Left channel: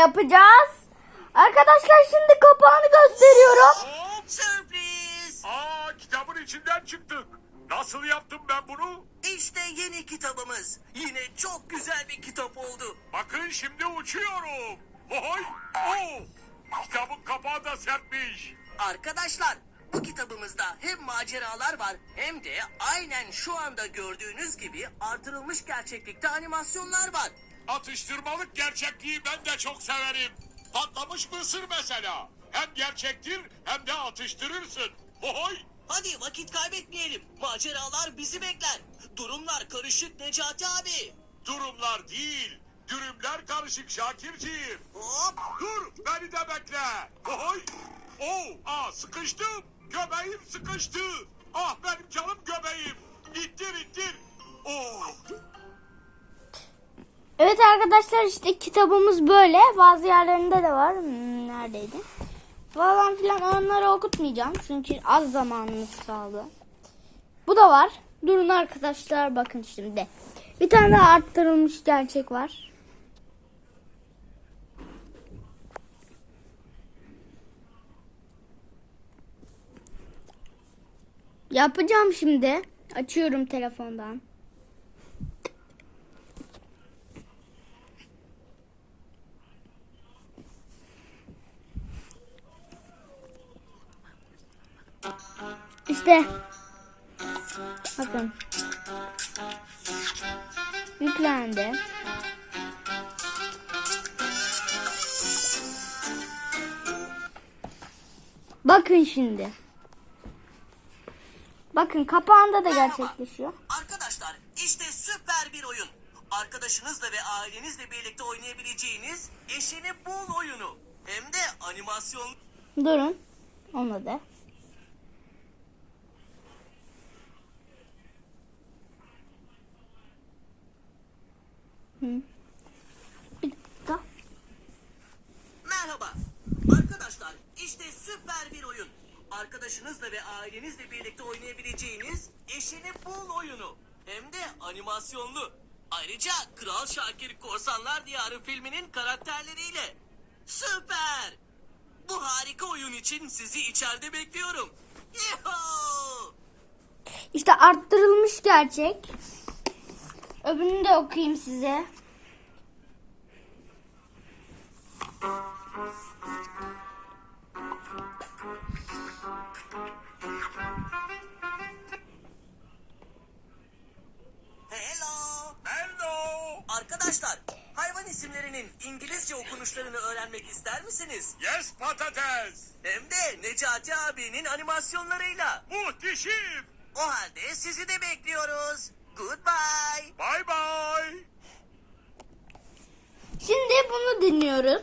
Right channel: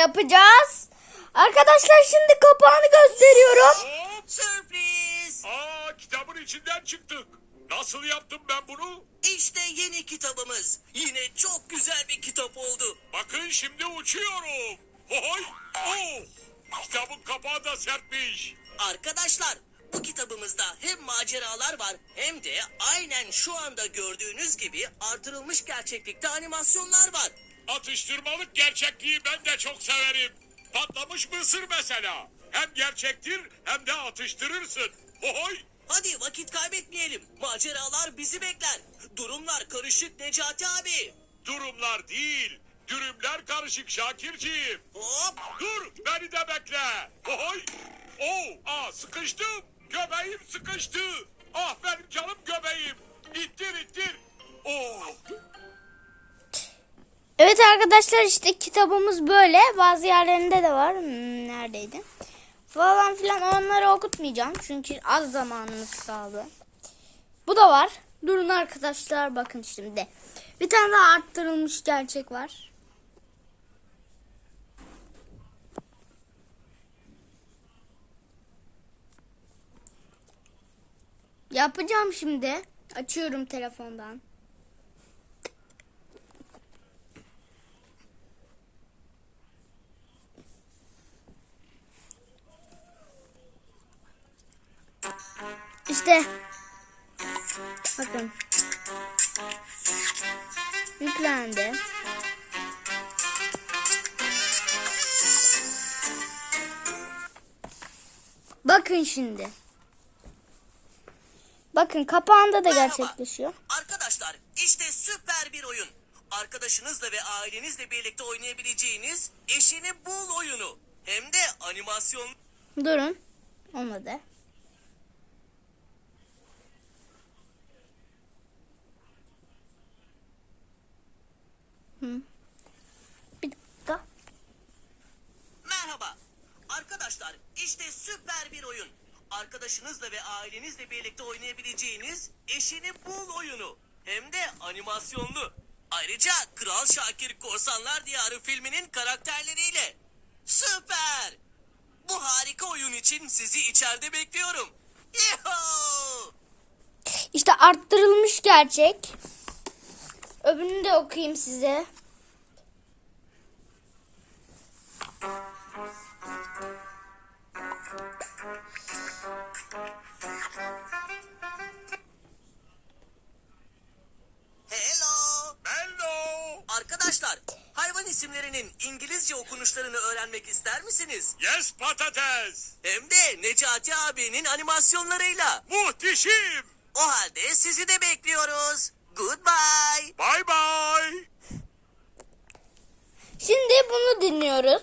yapacağız. Arkadaşlar şimdi kapağını gösteriyorum. Sürpriz! Kitabın içinden çıktık. Nasıl yaptım ben bunu? İşte yeni kitabımız. Yine çok güzel bir kitap oldu. Bakın şimdi uçuyorum. Oy! Oo! Kitabın kapağı da sertmiş. Arkadaşlar, bu kitabımızda hem maceralar var hem de aynen şu anda gördüğünüz gibi artırılmış gerçeklikte animasyonlar var. Atıştırmalık gerçekliği ben de çok severim. Patlamış mısır mesela. Hem gerçektir hem de atıştırırsın. Oy! Hadi vakit kaybetmeyelim. Maceralar bizi bekler. Durumlar karışık Necati abi. Durumlar değil, dürümler karışık Şakirciğim. Hop! Dur, beni de bekle. Oy! Sıkıştım. Göbeğim sıkıştı. Ah benim canım göbeğim. İttir. Oh! Evet arkadaşlar işte kitabımız böyle. Bazı yerlerinde de var. Neredeydi? Falan filan onları okutmayacağım. Çünkü az zamanımız kaldı. Bu da var. Durun arkadaşlar bakın şimdi. Bir tane daha arttırılmış gerçek var. Yapacağım şimdi. Açıyorum telefondan. İşte. Bakın. Yüklendi. Bakın şimdi. Bakın kapağında da gerçekleşiyor. Arkadaşlar, işte süper bir oyun. Arkadaşınızla ve ailenizle birlikte oynayabileceğiniz eşini bul oyunu. Hem de animasyon. Durun. Olmadı. Bir dakika. Merhaba. Arkadaşlar, işte süper bir oyun. Arkadaşınızla ve ailenizle birlikte oynayabileceğiniz eşini bul oyunu. Hem de animasyonlu. Ayrıca Kral Şakir Korsanlar Diyarı filminin karakterleriyle. Süper! Bu harika oyun için sizi içeride bekliyorum. Yuhuu! İşte arttırılmış gerçek. Öbürünü de okuyayım size. Hello. Arkadaşlar, hayvan isimlerinin İngilizce okunuşlarını öğrenmek ister misiniz? Yes patates. Hem de Necati abinin animasyonlarıyla. Muhteşem. O halde sizi de bekliyoruz. Goodbye. Bye bye. Şimdi bunu dinliyoruz.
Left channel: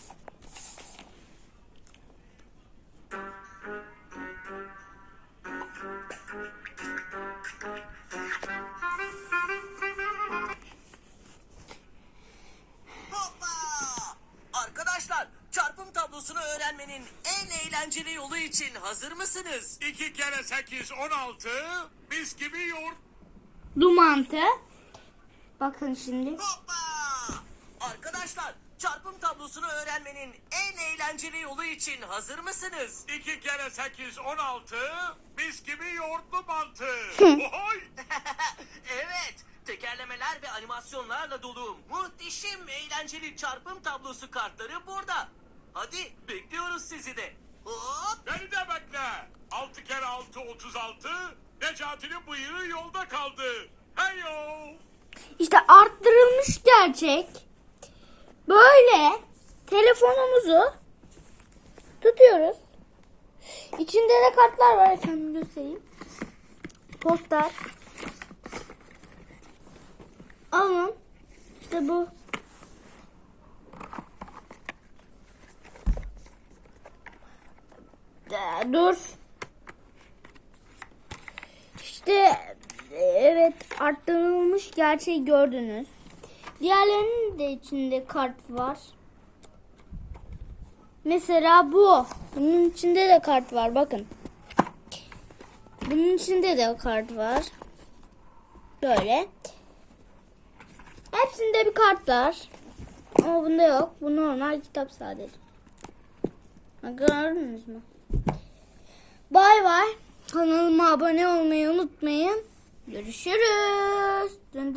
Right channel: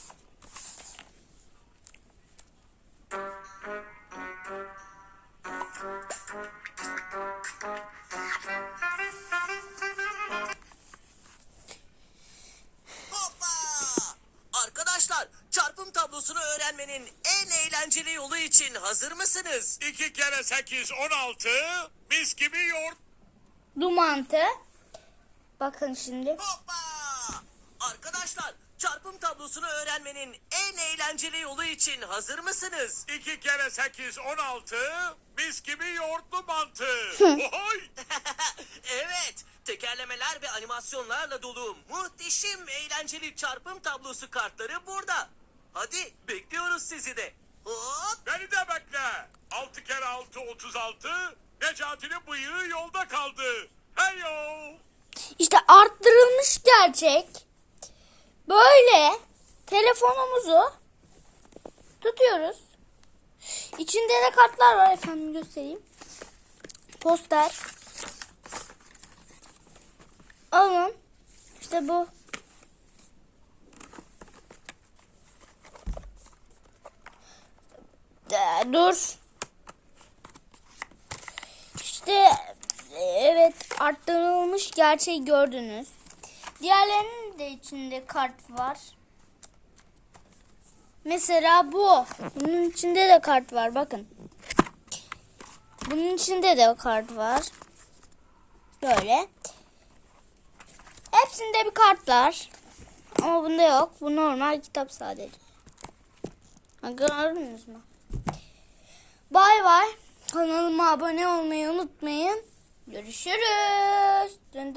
Hoppa! Arkadaşlar, çarpım tablosunu öğrenmenin en eğlenceli yolu için hazır mısınız? 2 kere 8 16. Mis gibi yoğurt. Dumantı. Bakın şimdi. Hoppa! Arkadaşlar, çarpım tablosunu öğrenmenin en eğlenceli yolu için hazır mısınız? 2 kere 8 16. Mis gibi yoğurtlu mantı. Oy! Evet, tekerlemeler ve animasyonlarla dolu muhteşem eğlenceli çarpım tablosu kartları burada. Hadi bekliyoruz sizi de. Hop! Beni de bekle. 6 kere 6 36. Necati'nin bıyığı yolda kaldı. Heyo. İşte arttırılmış gerçek. Böyle telefonumuzu tutuyoruz. İçinde de kartlar var efendim göstereyim. Poster. Alın. İşte bu. Dur. İşte evet arttırılmış gerçeği gördünüz. Diğerlerinin de içinde kart var. Mesela bu. Bunun içinde de kart var bakın. Bunun içinde de kart var. Böyle. Hepsinde bir kart var. Ama bunda yok. Bu normal kitap sadece. Ha, gördünüz mü? Bay bay. Kanalıma abone olmayı unutmayın. Görüşürüz. Dön